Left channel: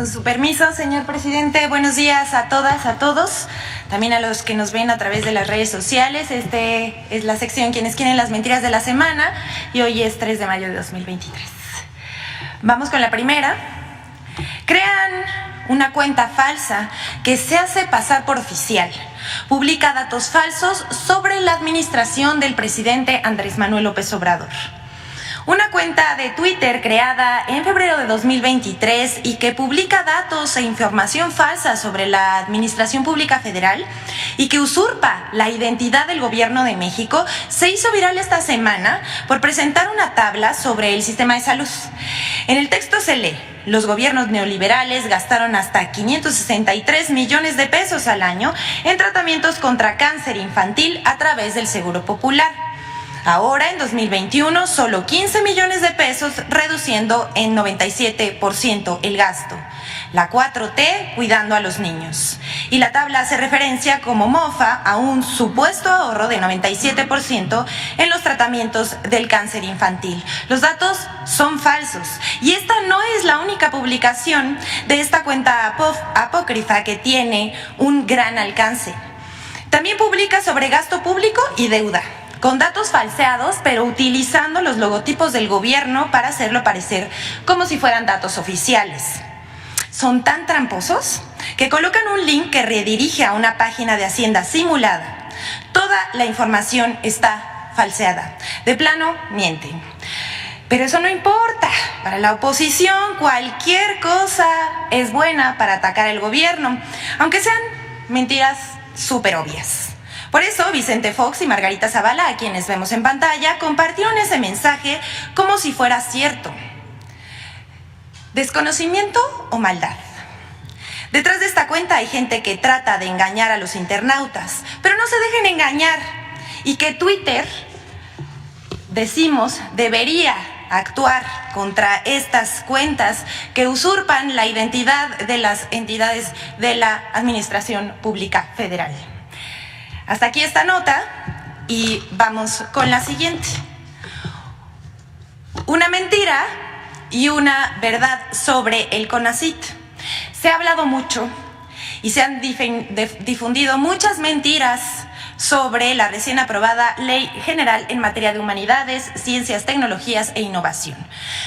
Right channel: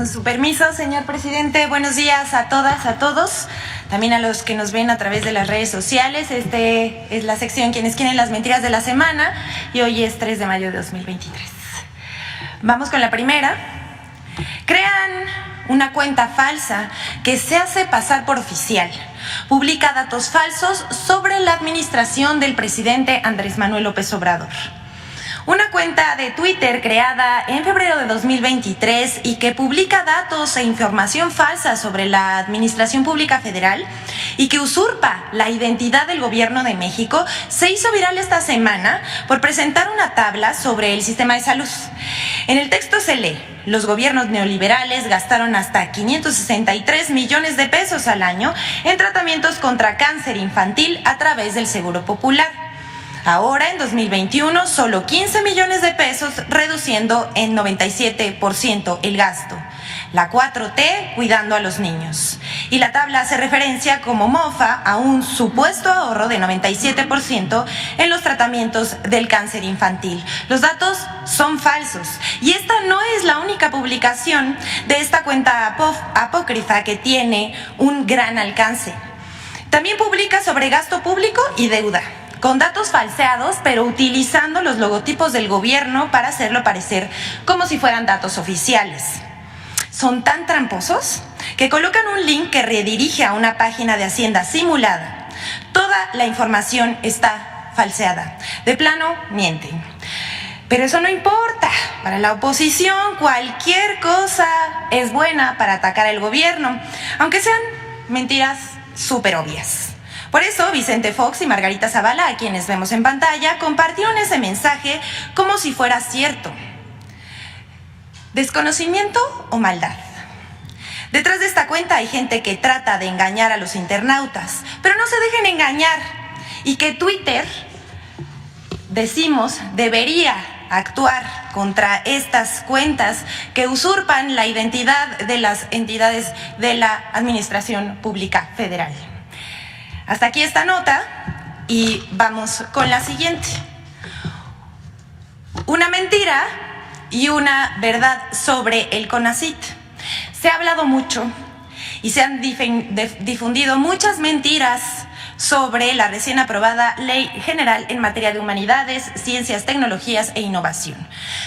Con su permiso, señor presidente, buenos días a todas, a todos, también a los que nos ven a través de las redes sociales. Es la sección Quienes quieren las mentiras de la semana y hoy es 3 de mayo de 2023. Vamos con la primera. Crean una cuenta falsa que se hace pasar por oficial. Publica datos falsos sobre la administración del presidente Andrés Manuel López Obrador. Una cuenta de Twitter creada en febrero de 2023 y que publica datos e información falsa sobre la Administración Pública Federal y que usurpa la identidad del Gobierno de México, se hizo viral esta semana por presentar una tabla sobre el sistema de salud. En el texto se lee: los gobiernos neoliberales gastaron hasta 563 millones de pesos al año en tratamientos contra cáncer infantil a través del Seguro Popular. Ahora, en 2021, solo 15 millones de pesos, reduciendo en 97% el gasto. La 4T cuidando a los niños. Y la tabla hace referencia como mofa a un supuesto ahorro de 97% en los tratamientos del cáncer infantil. Los datos son falsos. Y esta no es la única publicación de esta cuenta apócrifa que tiene un gran alcance. También publica sobre gasto público y deuda, con datos falseados, pero utilizando los logotipos del gobierno para hacerlo parecer como si fueran datos oficiales. Son tan tramposos que colocan un link que redirige a una página de Hacienda simulada. Toda la información está falseada. De plano, mienten. Pero eso no importa. Para la oposición, cualquier cosa es buena para atacar al gobierno, aunque sean mentiras súper obvias. Por eso, Vicente Fox y Margarita Zavala, a quienes vemos en pantalla, compartieron ese mensaje como si fuera cierto. ¿Desconocimiento o maldad? Detrás de esta cuenta hay gente que trata de engañar a los internautas, pero no se dejen engañar. Y que Twitter, decimos, debería actuar contra estas cuentas que usurpan la identidad de las entidades de la Administración Pública Federal. Hasta aquí esta nota y vamos con la siguiente. Una mentira y una verdad sobre el CONACYT. Se ha hablado mucho y se han difundido muchas mentiras sobre la recién aprobada Ley General en materia de humanidades, ciencias, tecnologías e innovación.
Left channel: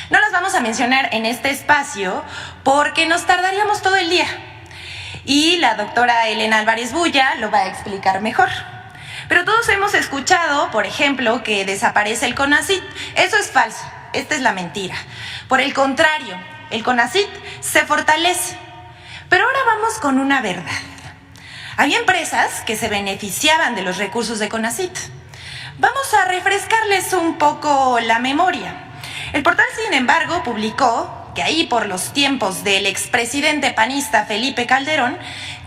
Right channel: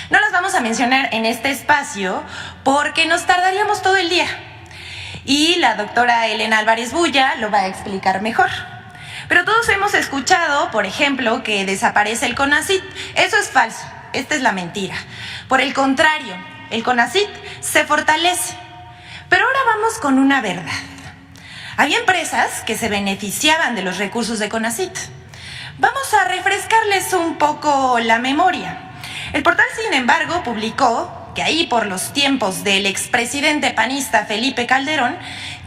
No las vamos a mencionar en este espacio porque nos tardaríamos todo el día. Y la doctora Elena Álvarez Bulla lo va a explicar mejor. Pero todos hemos escuchado, por ejemplo, que desaparece el CONACYT. Eso es falso, esta es la mentira. Por el contrario, el CONACYT se fortalece. Pero ahora vamos con una verdad. Había empresas que se beneficiaban de los recursos de CONACYT. Vamos a refrescarles un poco la memoria. El portal, sin embargo, publicó que ahí por los tiempos del expresidente panista Felipe Calderón,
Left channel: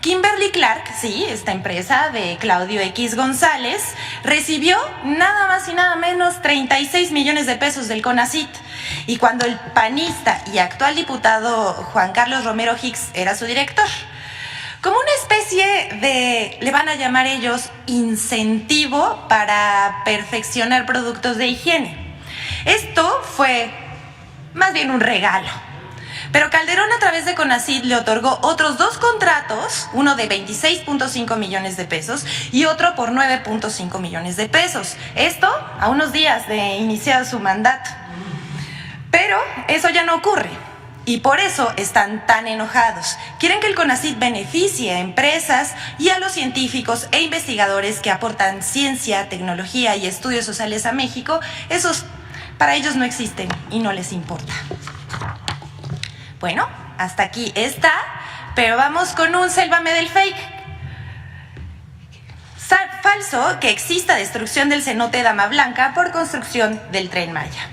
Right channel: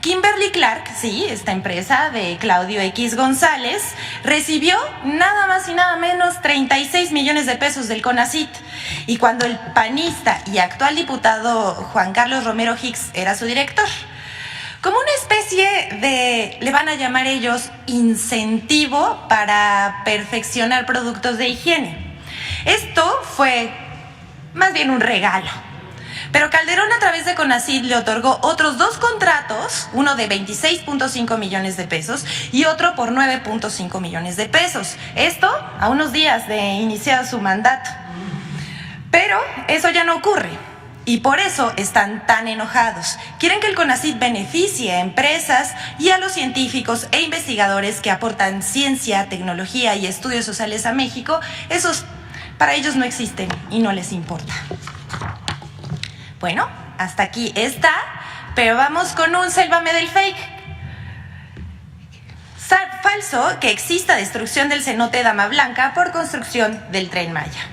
Kimberly Clark, sí, esta empresa de Claudio X González, recibió nada más y nada menos 36 millones de pesos del CONACYT. Y cuando el panista y actual diputado Juan Carlos Romero Hicks era su director, como una especie de, le van a llamar ellos, incentivo para perfeccionar productos de higiene. Esto fue más bien un regalo. Pero Calderón, a través de CONACYT, le otorgó otros 2 contratos, uno de 26.5 millones de pesos y otro por 9.5 millones de pesos. Esto a unos días de iniciar su mandato. Pero eso ya no ocurre y por eso están tan enojados. Quieren que el CONACYT beneficie a empresas y a los científicos e investigadores que aportan ciencia, tecnología y estudios sociales a México. Esos para ellos no existen y no les importa. Bueno, hasta aquí está, pero vamos con un sélvame del fake. Falso que exista destrucción del cenote Dama Blanca por construcción del Tren Maya.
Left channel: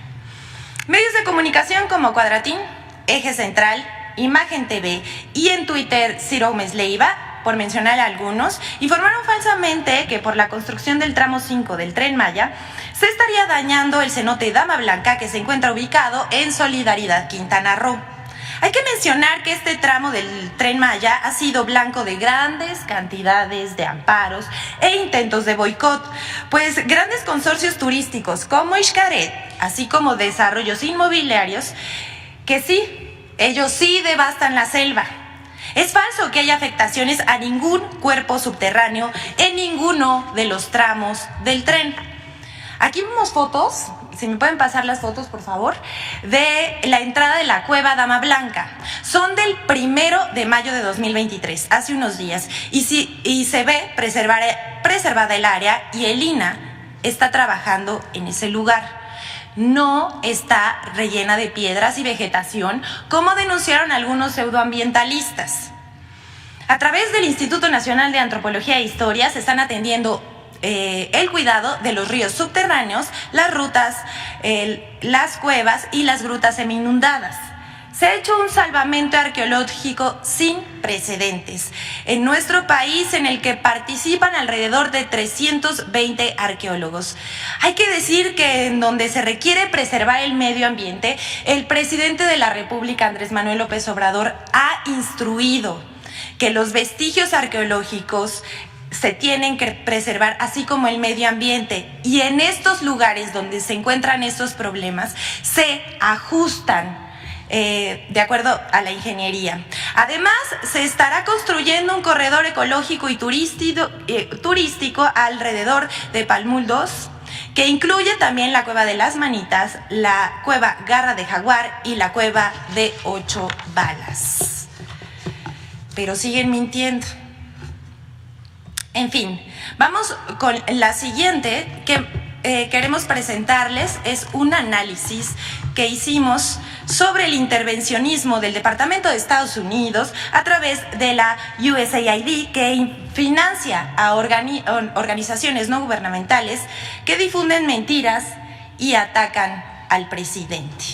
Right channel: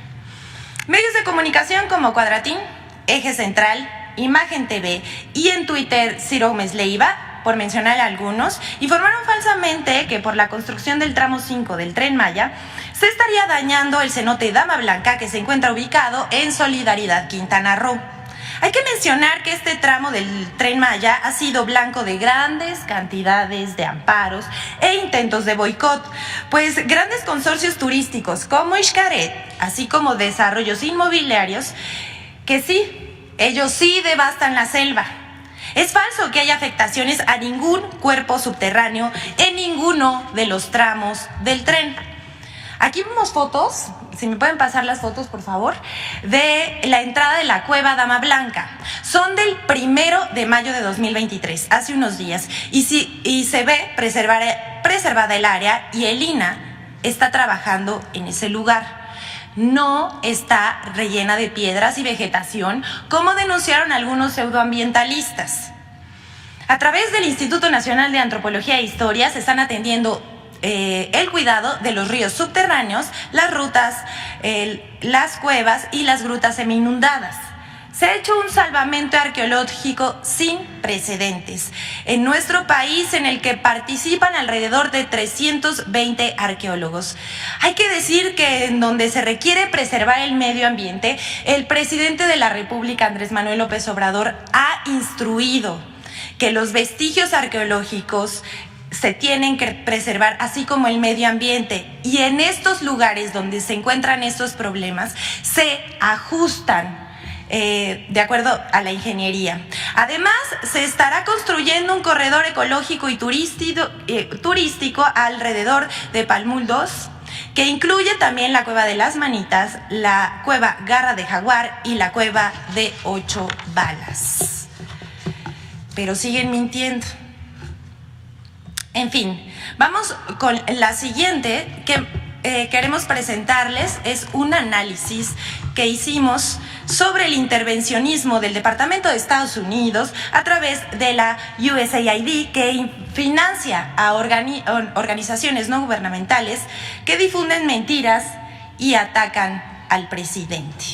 Medios de comunicación como Cuadratín, Eje Central, Imagen TV y en Twitter Ciro Gómez Leiva, por mencionar algunos, informaron falsamente que por la construcción del tramo 5 del Tren Maya se estaría dañando el cenote Dama Blanca, que se encuentra ubicado en Solidaridad, Quintana Roo. Hay que mencionar que este tramo del Tren Maya ha sido blanco de grandes cantidades de amparos e intentos de boicot, pues grandes consorcios turísticos como Xcaret, así como desarrollos inmobiliarios, que sí ellos sí devastan la selva. Es falso que haya afectaciones a ningún cuerpo subterráneo en ninguno de los tramos del tren. Aquí vemos fotos, si me pueden pasar las fotos, por favor, de la entrada de la cueva Dama Blanca. Son del 1 de mayo de 2023, hace unos días, y se ve preservada el área, y el INAH está trabajando en ese lugar. No está rellena de piedras y vegetación, como denunciaron algunos pseudoambientalistas. A través del Instituto Nacional de Antropología e Historia se están atendiendo el cuidado de los ríos subterráneos, las rutas, las cuevas y las grutas semi-inundadas. Se ha hecho un salvamento arqueológico sin precedentes en nuestro país, en el que participan alrededor de 320 arqueólogos. Hay que decir que en donde se requiere preservar el medio ambiente, el presidente de la República, Andrés Manuel López Obrador, ha instruido que los vestigios arqueológicos se tienen que preservar, así como el medio ambiente. Y en estos lugares donde se encuentran estos problemas, se ajustan de acuerdo a la ingeniería. Además, se estará construyendo un corredor ecológico y turístico alrededor de Palmul 2, que incluye también la Cueva de las Manitas, la Cueva Garra de Jaguar y la Cueva de 8 Balas. Pero siguen mintiendo. En fin, vamos con la siguiente que queremos presentarles. Es un análisis que hicimos sobre el intervencionismo del Departamento de Estados Unidos a través de la USAID, que financia a organizaciones no gubernamentales que difunden mentiras y atacan al presidente.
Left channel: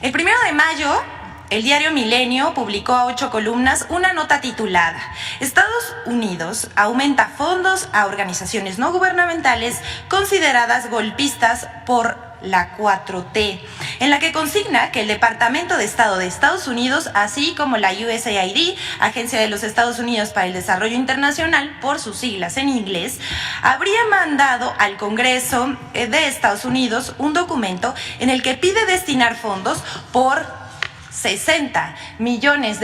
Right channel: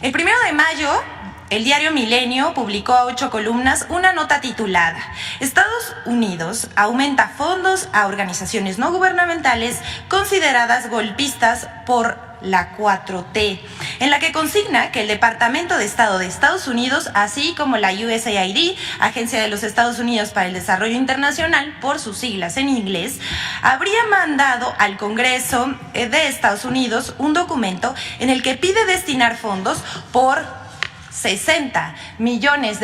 El 1 de mayo, el diario Milenio publicó a 8 columnas una nota titulada "Estados Unidos aumenta fondos a organizaciones no gubernamentales consideradas golpistas por la 4T", en la que consigna que el Departamento de Estado de Estados Unidos, así como la USAID, Agencia de los Estados Unidos para el Desarrollo Internacional, por sus siglas en inglés, habría mandado al Congreso de Estados Unidos un documento en el que pide destinar fondos por $60 millones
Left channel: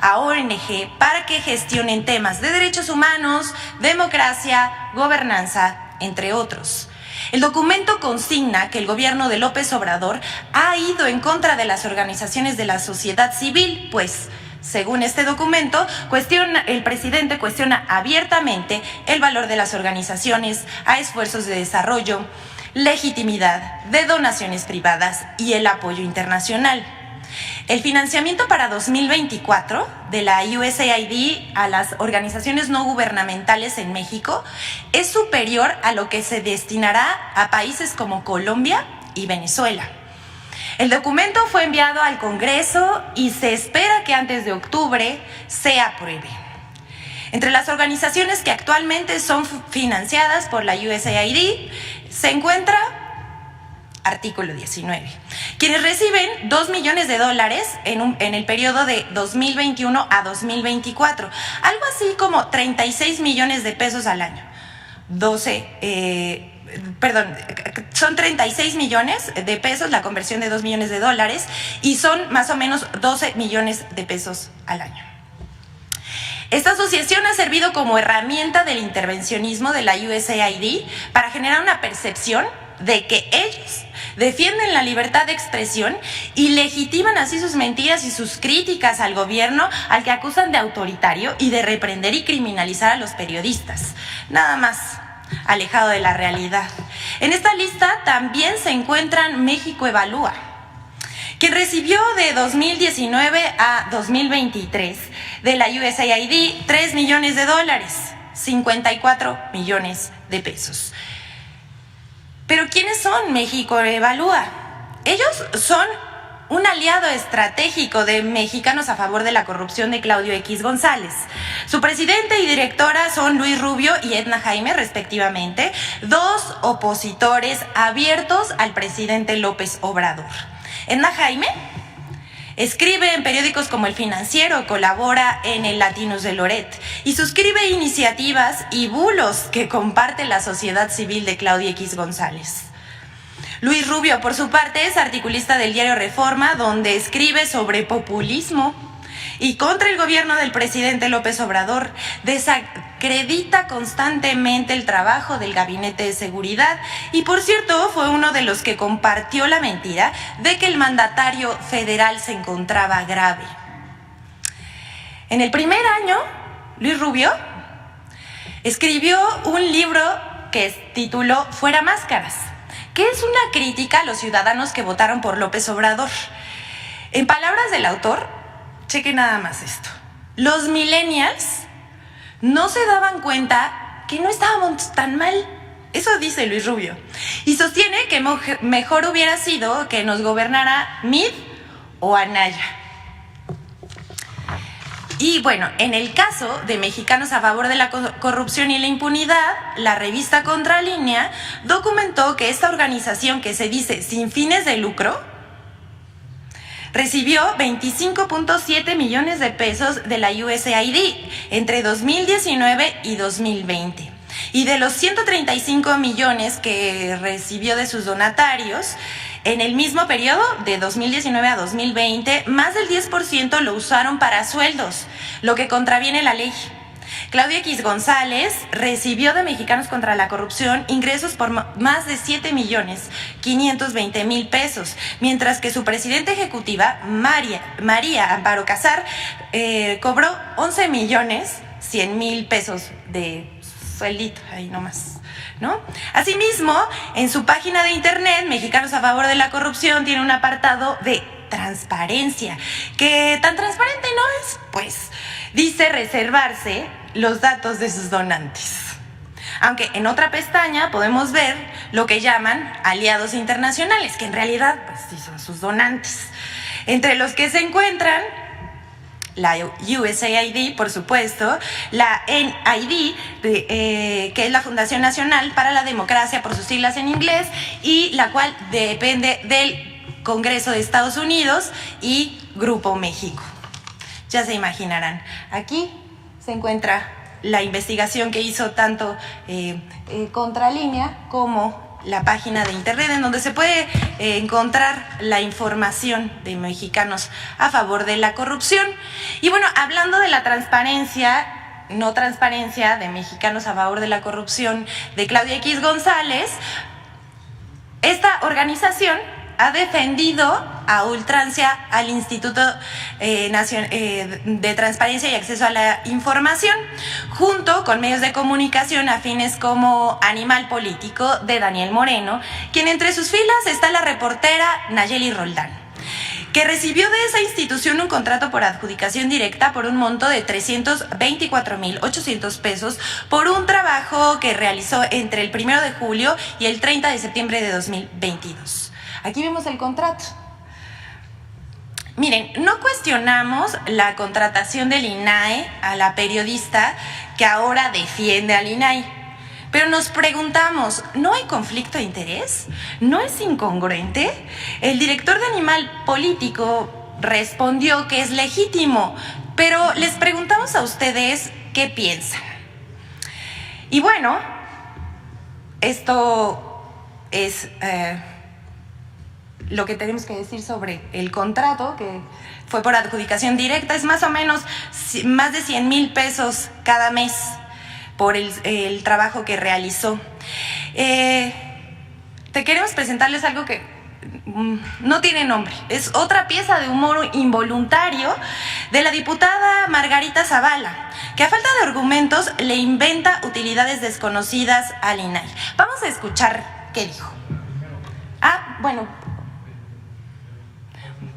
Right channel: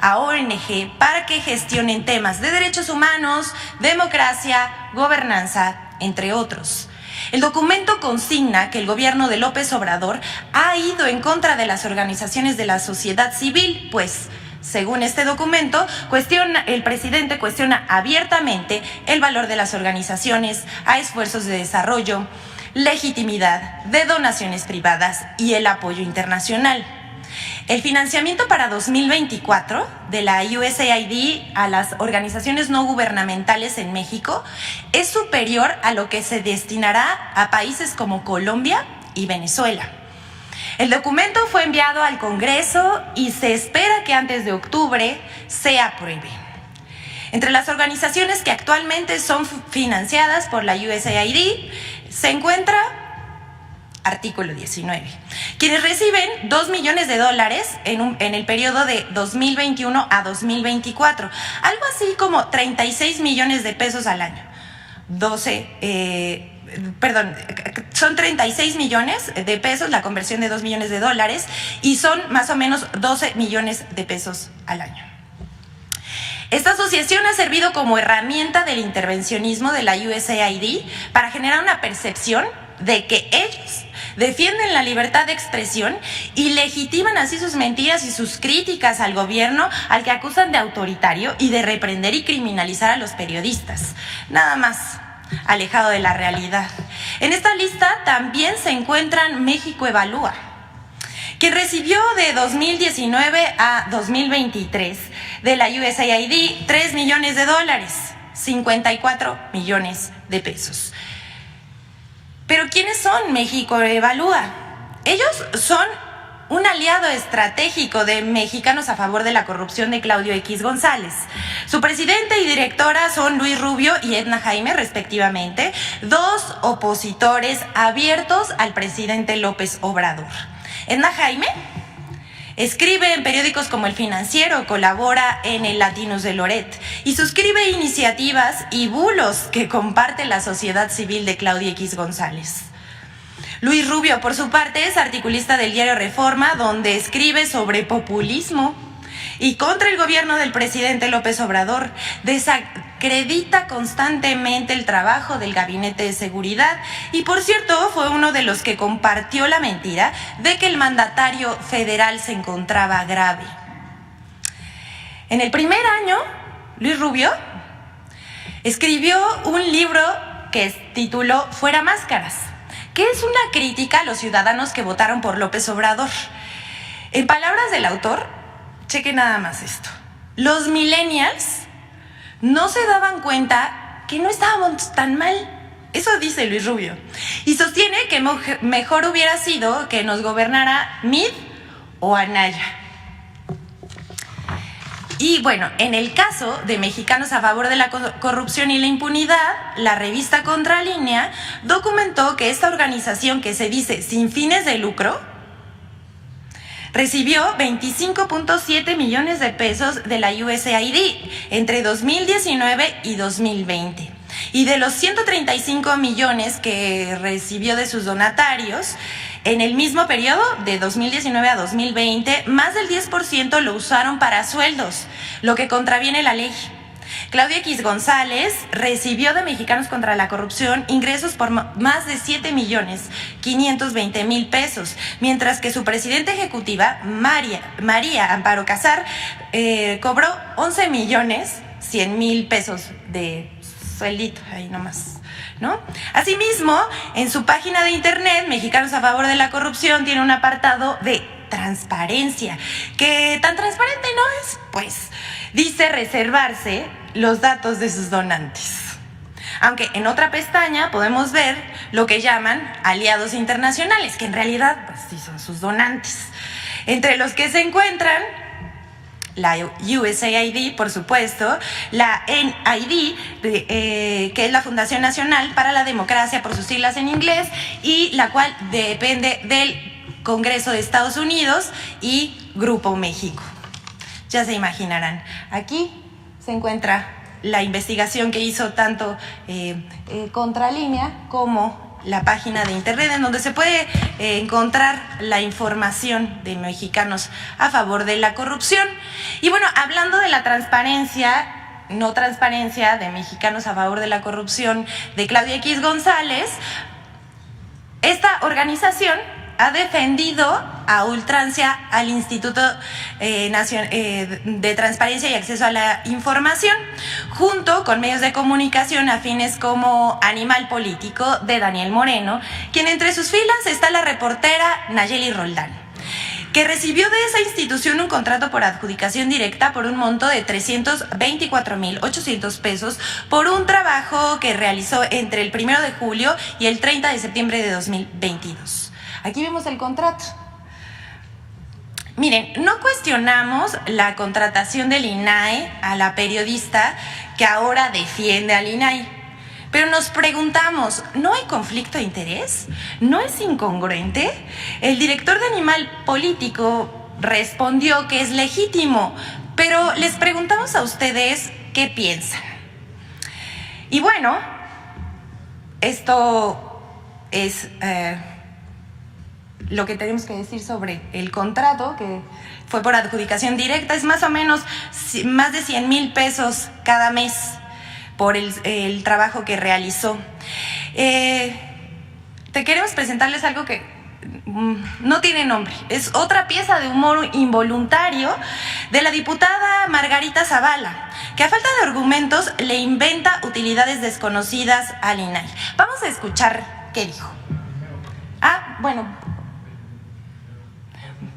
a ONG para que gestionen temas de derechos humanos, democracia, gobernanza, entre otros. El documento consigna que el gobierno de López Obrador ha ido en contra de las organizaciones de la sociedad civil, pues, según este documento, el presidente cuestiona abiertamente el valor de las organizaciones a esfuerzos de desarrollo, legitimidad de donaciones privadas y el apoyo internacional. El financiamiento para 2024 de la USAID a las organizaciones no gubernamentales en México es superior a lo que se destinará a países como Colombia y Venezuela. El documento fue enviado al Congreso y se espera que antes de octubre se apruebe. Entre las organizaciones que actualmente son financiadas por la USAID se encuentra artículo 19, quienes reciben $2 millones en el periodo de 2021 a 2024, algo así como 36 millones de pesos al año. Son 36 millones de pesos la conversión de $2 millones y son más o menos 12 millones de pesos al año. Esta asociación ha servido como herramienta del intervencionismo de la USAID para generar una percepción de que ellos defienden la libertad de expresión y legitiman así sus mentiras y sus críticas al gobierno, al que acusan de autoritario y de reprender y criminalizar a los periodistas. Nada más alejado de la realidad. En esta lista también se encuentran México Evalúa, quien recibió de 2019 a 2023 de la USAID $3 millones, 54 millones de pesos. Pero ¿quiénes son México Evalúa? Ellos son un aliado estratégico de Mexicanos a favor de la corrupción de Claudio X González. Su presidente y directora son Luis Rubio y Edna Jaime, respectivamente, dos opositores abiertos al presidente López Obrador. Edna Jaime escribe en periódicos como El Financiero, colabora en el Latinus de Loret y suscribe iniciativas y bulos que comparte la sociedad civil de Claudio X González. Luis Rubio, por su parte, es articulista del diario Reforma, donde escribe sobre populismo y contra el gobierno del presidente López Obrador. Desacredita constantemente el trabajo del Gabinete de Seguridad y, por cierto, fue uno de los que compartió la mentira de que el mandatario federal se encontraba grave. En el primer año, Luis Rubio escribió un libro que tituló Fuera Máscaras, que es una crítica a los ciudadanos que votaron por López Obrador. En palabras del autor, cheque nada más esto: los millennials no se daban cuenta que no estábamos tan mal. Eso dice Luis Rubio. Y sostiene que mejor hubiera sido que nos gobernara Mid o Anaya. Y bueno, en el caso de Mexicanos a Favor de la Corrupción y la Impunidad, la revista Contralínea documentó que esta organización, que se dice sin fines de lucro, recibió 25.7 millones de pesos de la USAID entre 2019 y 2020. Y de los 135 millones que recibió de sus donatarios, en el mismo periodo, de 2019 a 2020, más del 10% lo usaron para sueldos, lo que contraviene la ley. Claudia X González recibió de Mexicanos contra la Corrupción ingresos por más de 7.520.000 pesos, mientras que su presidenta ejecutiva, María Amparo Casar, cobró 11.100.000 pesos de sueldito, ahí nomás, ¿no? Asimismo, en su página de internet, Mexicanos a Favor de la Corrupción tiene un apartado de transparencia, que tan transparente no es, pues dice reservarse los datos de sus donantes. Aunque en otra pestaña podemos ver lo que llaman aliados internacionales, que en realidad pues sí son sus donantes, entre los que se encuentran la USAID, por supuesto, la NID, que es la Fundación Nacional para la Democracia, por sus siglas en inglés, y la cual depende del Congreso de Estados Unidos, y Grupo México. Ya se imaginarán, aquí se encuentra la investigación que hizo tanto Contralínea como la página de internet, en donde se puede encontrar la información de Mexicanos a Favor de la Corrupción. Y bueno, hablando de la transparencia, no transparencia de Mexicanos a Favor de la Corrupción de Claudia X González, esta organización ha defendido a ultrancia al Instituto de Transparencia y Acceso a la Información, junto con medios de comunicación afines como Animal Político de Daniel Moreno, quien entre sus filas está la reportera Nayeli Roldán, que recibió de esa institución un contrato por adjudicación directa por un monto de 324,800 pesos por un trabajo que realizó entre el 1 de julio y el 30 de septiembre de 2022. Aquí vemos el contrato. Miren, no cuestionamos la contratación del INAI a la periodista que ahora defiende al INAI, pero nos preguntamos, ¿no hay conflicto de interés? ¿No es incongruente? El director de Animal Político respondió que es legítimo, pero les preguntamos a ustedes qué piensan. Y bueno, esto es lo que tenemos que decir sobre el contrato, que fue por adjudicación directa. Es más o menos más de 100,000 pesos cada mes por el trabajo que realizó. Te queremos presentarles algo que no tiene nombre. Es otra pieza de humor involuntario de la diputada Margarita Zavala, que a falta de argumentos le inventa utilidades desconocidas al INAI. Vamos a escuchar qué dijo. Bueno,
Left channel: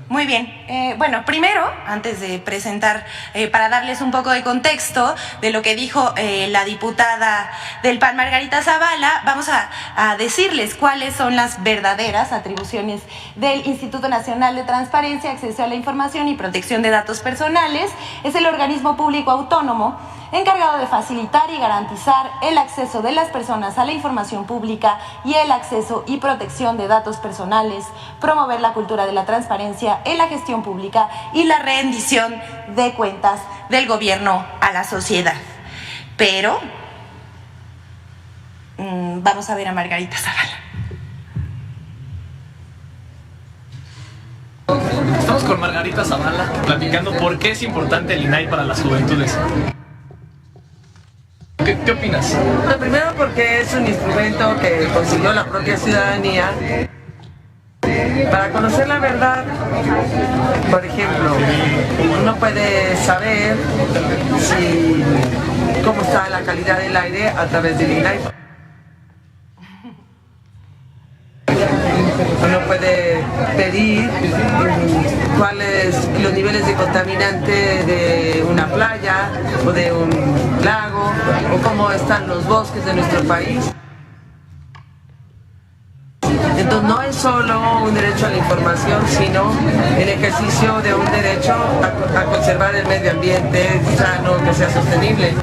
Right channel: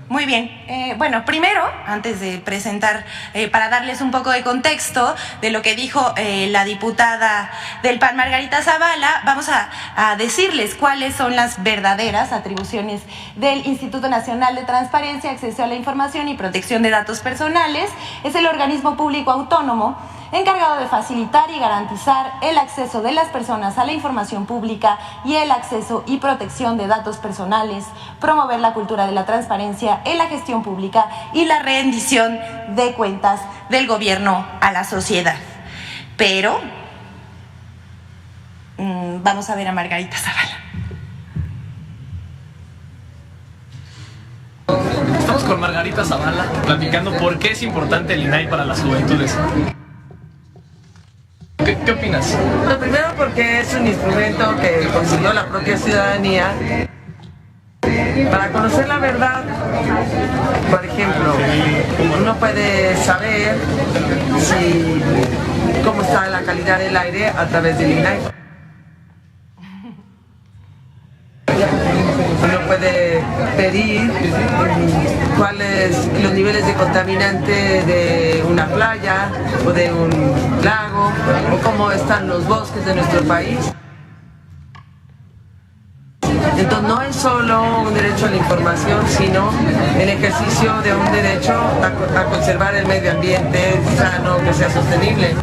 muy bien. Bueno, primero, antes de presentar, para darles un poco de contexto de lo que dijo la diputada del PAN, Margarita Zavala, vamos a decirles cuáles son las verdaderas atribuciones del Instituto Nacional de Transparencia, Acceso a la Información y Protección de Datos Personales. Es el organismo público autónomo encargado de facilitar y garantizar el acceso de las personas a la información pública y el acceso y protección de datos personales, promover la cultura de la transparencia en la gestión pública y la rendición de cuentas del gobierno a la sociedad. Pero vamos a ver a Margarita Zavala. con Margarita Zavala, platicando por qué es importante el INAI para las juventudes. ¿Qué opinas? Lo primero, porque es un instrumento que consiguió la propia ciudadanía para conocer la verdad. Por ejemplo, uno puede saber cómo está la calidad del aire a través del INAI. Uno puede pedir cuáles los niveles de contaminante de una playa o de un lago, o cómo están los bosques de nuestro país. Entonces no es solo un derecho a la información, sino el ejercicio de un derecho a conservar el medio ambiente sano, que sea sostenible.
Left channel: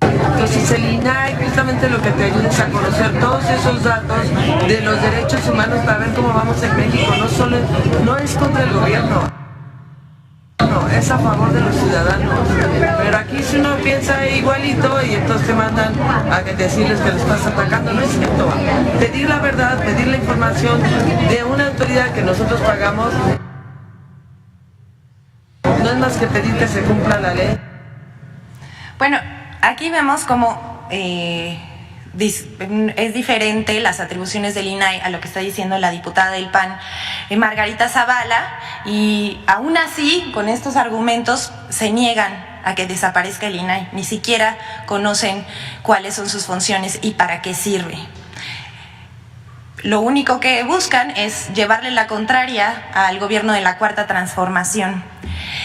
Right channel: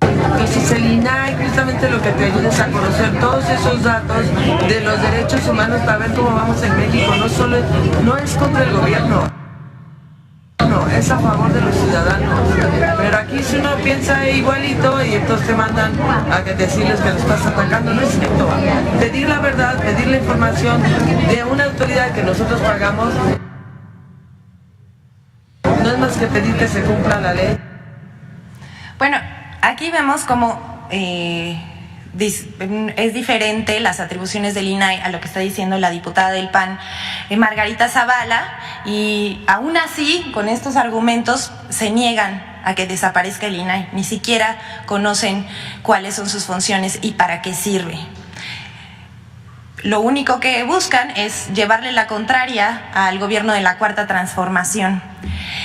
Entonces el INAI justamente lo que te ayuda es a conocer todos esos datos de los derechos humanos para ver cómo vamos en México. No es contra el gobierno, no, es a favor de los ciudadanos. Pero aquí si uno piensa igualito y entonces te mandan a que decirles que los estás atacando, no es cierto. Pedir la verdad, pedir la información de una autoridad que nosotros pagamos, no es más que pedir que se cumpla la ley. Bueno, aquí vemos cómo es diferente las atribuciones del INAI a lo que está diciendo la diputada del PAN, Margarita Zavala, y aún así, con estos argumentos, se niegan a que desaparezca el INAI. Ni siquiera conocen cuáles son sus funciones y para qué sirve. Lo único que buscan es llevarle la contraria al gobierno de la Cuarta Transformación.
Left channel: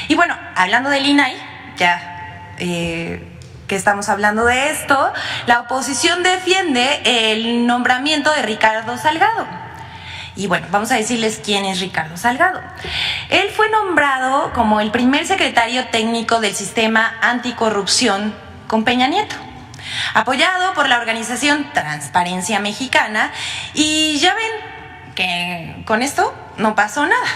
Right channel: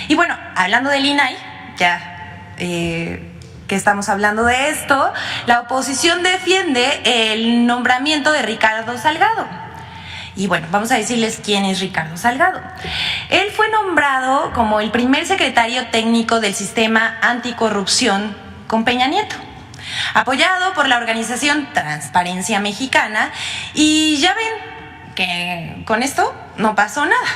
Y bueno, hablando del INAI, ya que estamos hablando de esto, la oposición defiende el nombramiento de Ricardo Salgado. Y bueno, vamos a decirles quién es Ricardo Salgado. Él fue nombrado como el primer secretario técnico del sistema anticorrupción con Peña Nieto, apoyado por la organización Transparencia Mexicana, y ya ven que con esto no pasó nada.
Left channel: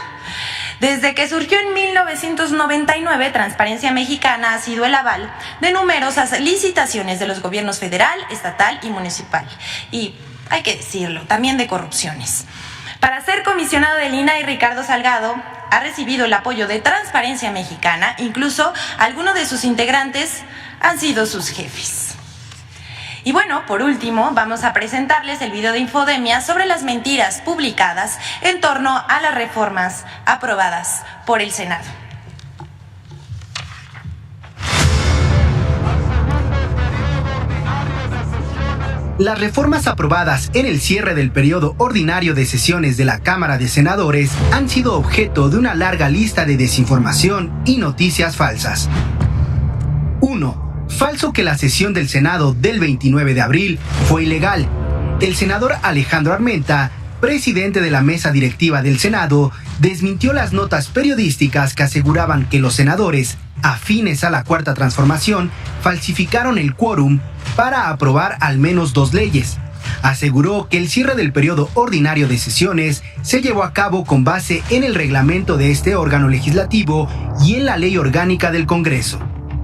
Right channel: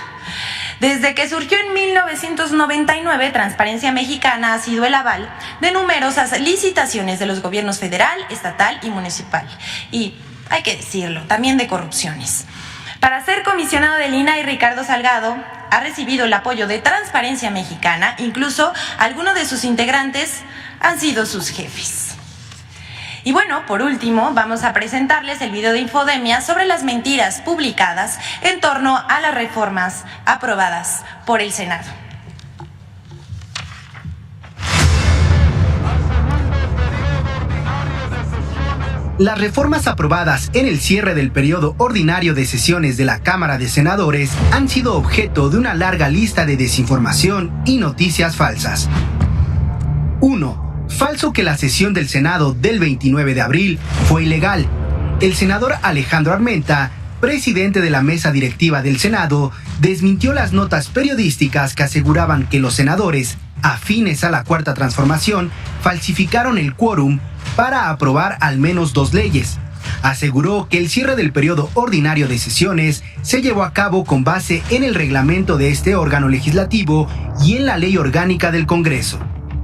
Desde que surgió en 1999, Transparencia Mexicana ha sido el aval de numerosas licitaciones de los gobiernos federal, estatal y municipal. Y hay que decirlo, también de corrupciones. Para ser comisionado del INAI, Ricardo Salgado ha recibido el apoyo de Transparencia Mexicana, incluso algunos de sus integrantes han sido sus jefes. Y bueno, por último, vamos a presentarles el video de Infodemia sobre las mentiras publicadas en torno a las reformas aprobadas por el Senado. Las reformas aprobadas en el cierre del periodo ordinario de sesiones de la Cámara de Senadores han sido objeto de una larga lista de desinformación y noticias falsas. 1. Falso que la sesión del Senado del 29 de abril fue ilegal. El senador Alejandro Armenta, presidente de la mesa directiva del Senado, desmintió las notas periodísticas que aseguraban que los senadores, afines a la Cuarta Transformación, falsificaron el quórum para aprobar al menos 2 leyes. Aseguró que el cierre del periodo ordinario de sesiones se llevó a cabo con base en el reglamento de este órgano legislativo y en la ley orgánica del Congreso.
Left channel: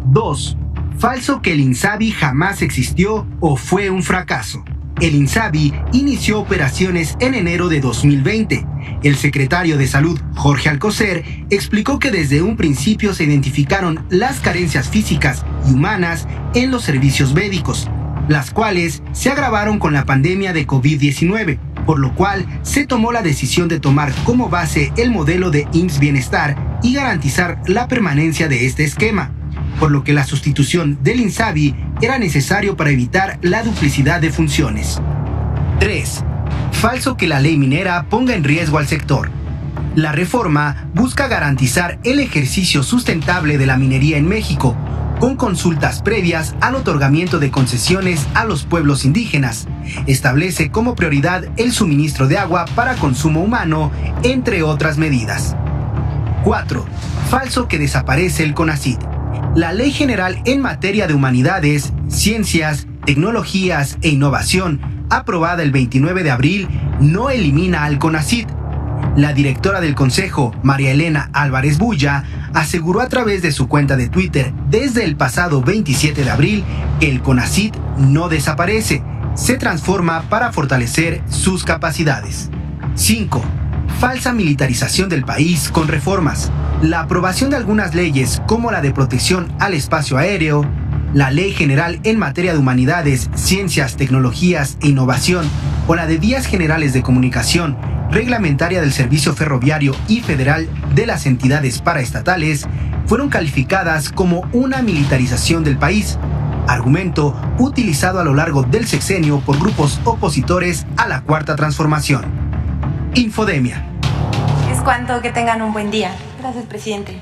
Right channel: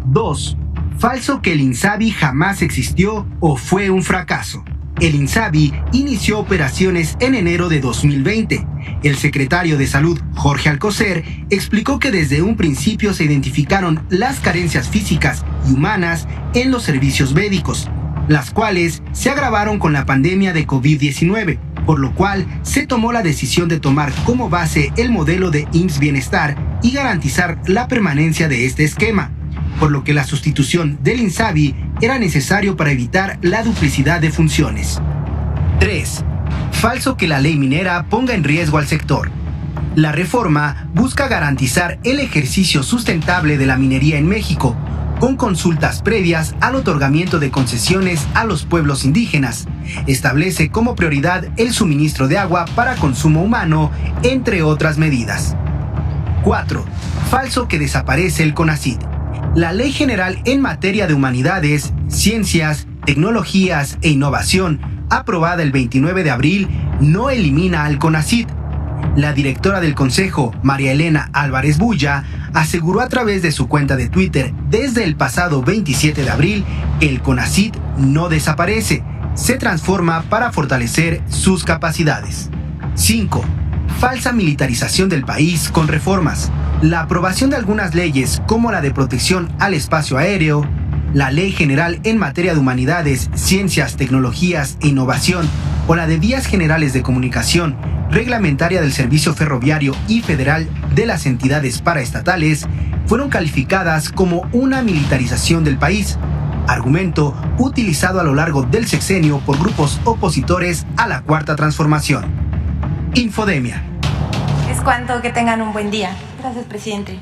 2. Falso que el INSABI jamás existió o fue un fracaso. El INSABI inició operaciones en enero de 2020. El secretario de Salud, Jorge Alcocer, explicó que desde un principio se identificaron las carencias físicas y humanas en los servicios médicos, las cuales se agravaron con la pandemia de COVID-19, por lo cual se tomó la decisión de tomar como base el modelo de IMSS Bienestar y garantizar la permanencia de este esquema, por lo que la sustitución del INSABI era necesario para evitar la duplicidad de funciones. 3. Falso que la ley minera ponga en riesgo al sector. La reforma busca garantizar el ejercicio sustentable de la minería en México, con consultas previas al otorgamiento de concesiones a los pueblos indígenas. Establece como prioridad el suministro de agua para consumo humano, entre otras medidas. 4. Falso que desaparece el CONACYT. La Ley General en materia de humanidades, ciencias, tecnologías e innovación, aprobada el 29 de abril, no elimina al CONACYT. La directora del Consejo, María Elena Álvarez Bulla, aseguró a través de su cuenta de Twitter desde el pasado 27 de abril que el CONACYT no desaparece, se transforma para fortalecer sus capacidades. 5. Falsa militarización del país con reformas. La aprobación de algunas leyes como la de protección al espacio aéreo, la Ley General en materia de humanidades, ciencias, tecnologías e innovación o la de vías generales de comunicación reglamentaria del servicio ferroviario y federal de las entidades paraestatales fueron calificadas como una militarización del país, argumento utilizado a lo largo del sexenio por grupos opositores a la Cuarta Transformación. Infodemia. Es cuanto, que tengan un buen día. Gracias, presidente.